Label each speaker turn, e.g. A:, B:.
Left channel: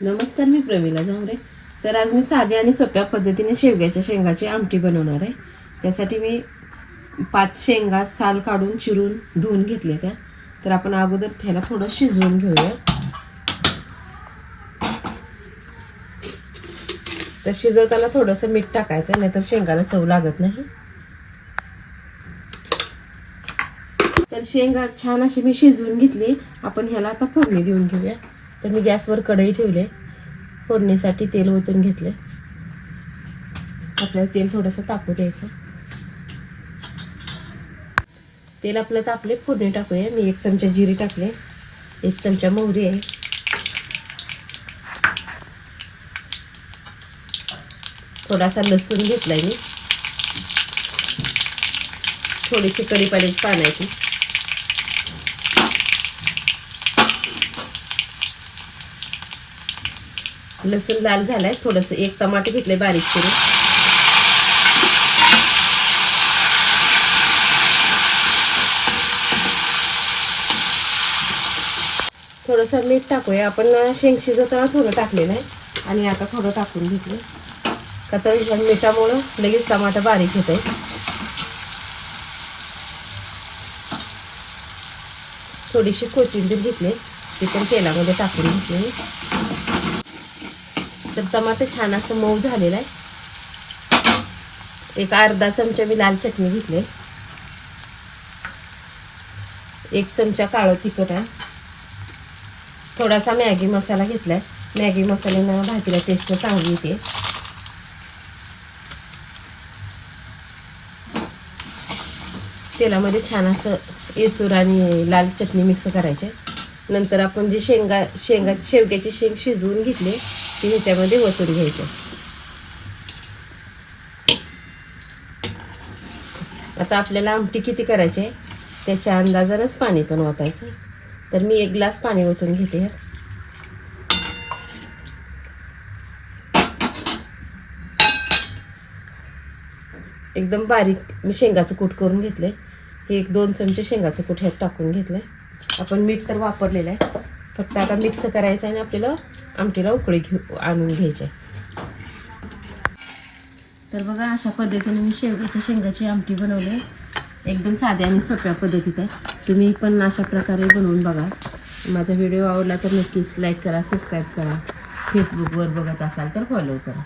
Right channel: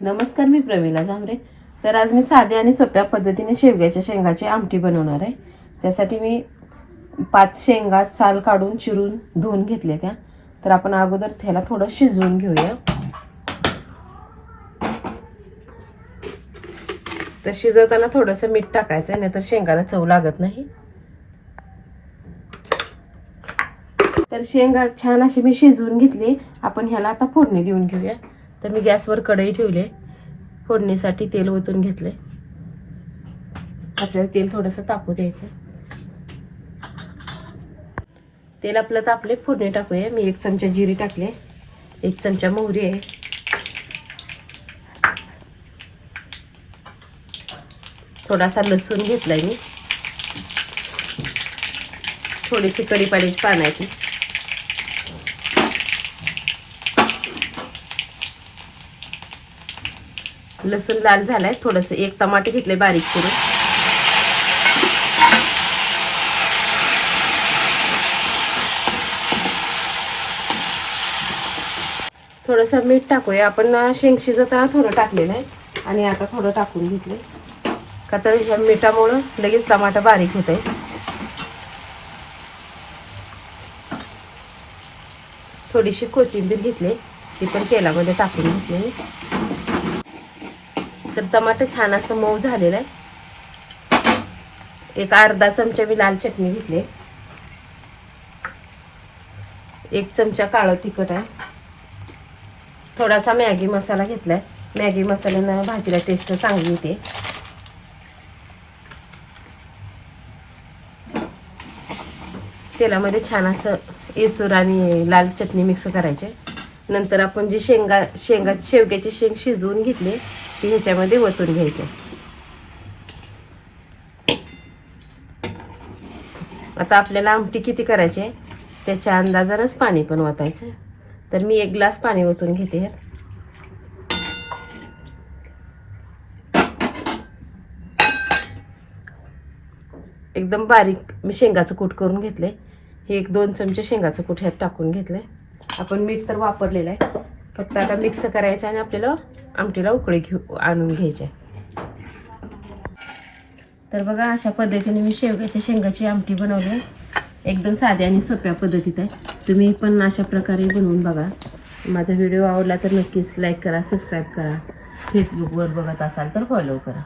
A: नमस्कार मी प्रवीणा जांभरे तर आज मी साध्या आणि सोप्या पद्धतीने शेवग्याच्या शेंगाची आमटी बनवणार आहे. त्यासाठी मी पाच शेंगा साल काढून चिरून धुवून घेतल्या त्या. तर आपण अगोदर त्याला थोडं शिजवून घेऊया. तर शिजवताना थोडंसं मीठ टाकायचं नाही तर शेंगाला चव लागत नाही. तर शेंगा छान अशी मी शिजवून घेतली. आपण ह्याला आता फोडणी देऊन घेऊया. तर मी गॅसवर कढई ठेवले. फोडणीसाठी तेल ओतून घेतले. आपल्याला तेल थोडंसं तापू द्यायचं. तेल आपलं तापले फोडणी टाकूया. मी एक चमचा जिरी टाकले. एक चमचा मोहरी आहे. थोडासा लसूण घेतलाय मी. थोडीशी कढीपाण्याची पाण्याची लसूण लाल झालाय थोडंसं एक टमाटे घेतले बारीक करून थोडंसं मीठ टाकूया. आपण शेंग शिजताना थोडं टाकलेलं आहे. आणि आता थोडं टाकून घेतलं का तर मिठामुळं लगेच टमाटा बारीक होत आहे थोडीशी कोथिंबीर घेतली ती पण तेलामध्ये टाकून घेतली तर टमाटर छान असं मऊ झालेलं आहे. एक अर्धा चमचा मी लाल चटणी घेतली एक चमचा काळं तिखट आहे. थोडासा मॅगी मसाला घेतलाय. मॅगी मसाल्यानं भाजीला टेस्ट चांगली येते. तेलामध्ये छान असं येसूर आणि लाल चटणी मिक्स करायचे नंतर आपण जी शेंगा शेंगा शेवग्याची शेंग शिजवून घेतली ती ह्याच्यामध्ये ओतून घ्यायचे. आता आपल्याला आमटी किती करायची आहे? त्याच्या अंदाजानच पाणी पण ओतायचं तर मी एक ग्लास पाणी ओतून घेते. एकदम बारीक मी शेंगाचं कूट करून घेतलंय. हे एक दोन चमचे शेंगाचं कूट ह्यात टाकून घेतलंय. आपण मीठ तर वापरलेलं आहे. फक्त आता मिक्स करायचं आणि आपल्याला आमटीला उकळी घेऊ आणून घ्यायचे. तर बघा अशा पद्धतीने मी शेवग्याच्या शेंगाची आमटी बनवली. एकदम साध्या आणि सोप्या पद्धतीत आहे. तुम्ही पण अशा प्रकारे बनवून बघा. माझा व्हिडिओ आवडला तर नक्कीच लाईक करा सबस्क्राईब करा. फेसबुकवर बघत असाल तर फॉलो करा.